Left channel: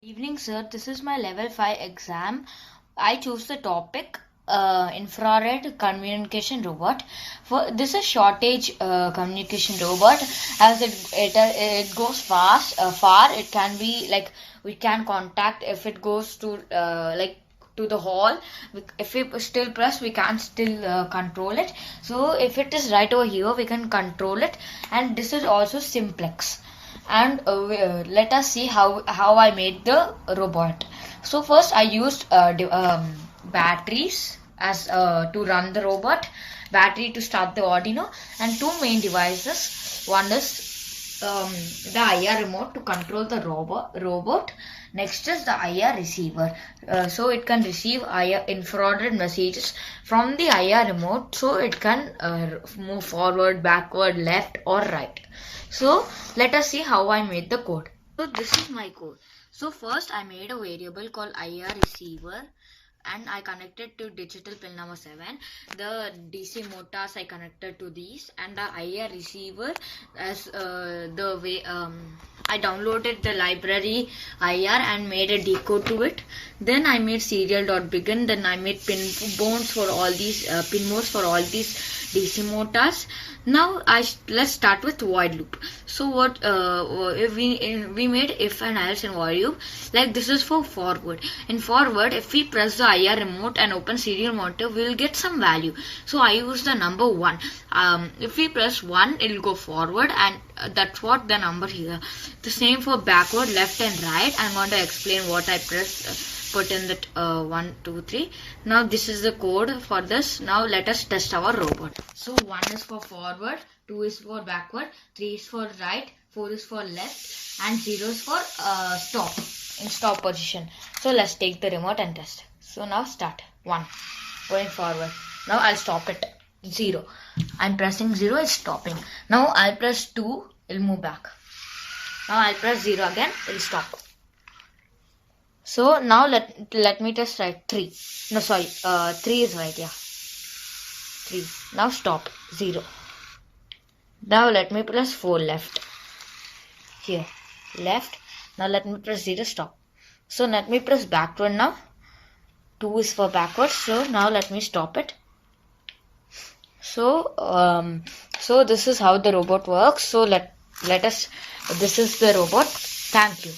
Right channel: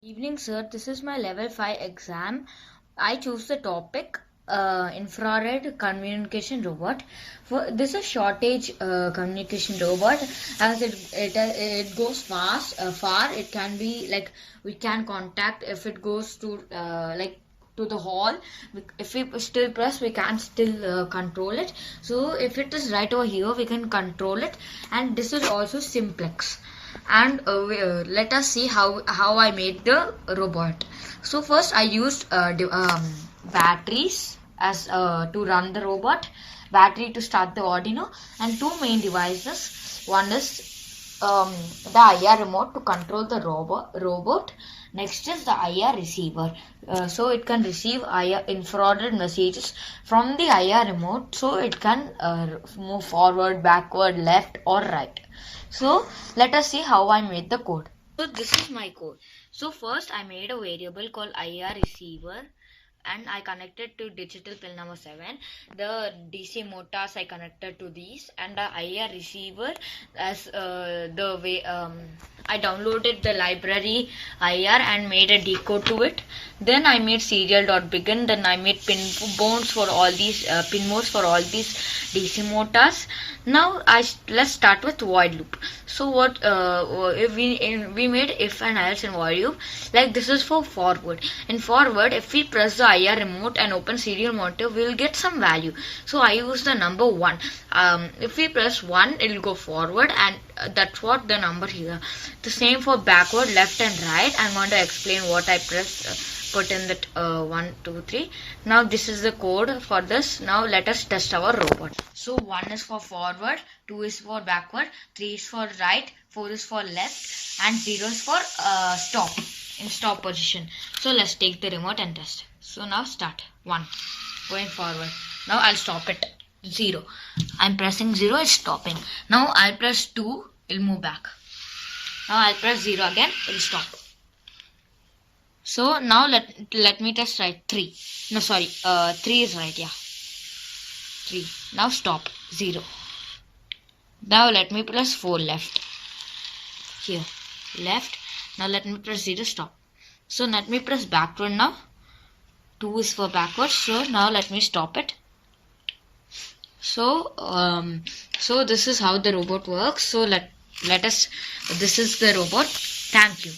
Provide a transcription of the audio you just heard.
Evening, sir. This is my level 5 exam. I choose the topic infrared communication robot. For this is shortage communication robot, as it goes far. It can be like we can contact if it goes to to the hall. If we still press, we can still control it. So if it is right over here, we can control it. And this is also simplex. And let us see how I made the robot. So first I used batteries as to run the robot, battery to start the Arduino, and two main devices. One is the IR remote to control the robot. Next is the IR receiver, so it can receive IR infrared messages from the IR remote, so it can move forward, backward, left or right. So let us see how I made the code. So this is my code. So first I made a variable called IR receiver, and I connected to digital pin number 7. The DC motors I connected to these, and the IR receiver as the way I downloaded the library IR and made a decode to it. Then I made serial.begin. Then I made pin modes for all these DC motors. Now let's start with void loop. So what if we made if and else in void loop. Like this is for forward. In forward, if we press the IR remote and open serial monitor, we will get some value. So I use the number 1. If we press 1, it will go forward, and that's what the number here. The same for backward, left and right. I'm going to explain what I put in that 1, 2, 3. Now this is the code for this. Now let us test our robot. So 1 is for forward, 2 is for backward, 3 is for right, 4 is for left, and 0 is for stop, in stop position. So let's take the remote and test. So now start. 1, going forward. Now I'll stop it. 0. I'm pressing 0, it's stopping. Now I'll press 2, it'll move back. Now I'll press 0 again, it'll stop. So now let me test right. 3. No, sorry. 3 is right. Yeah. 3. Now stop. 0. Now let me press 4 left. Here. Left. Now let me press 0 stop. So let me press backward now. 2 is for backward. So now let me stop it. So so this is how the robot works. So let us. This is the robot. Thank you.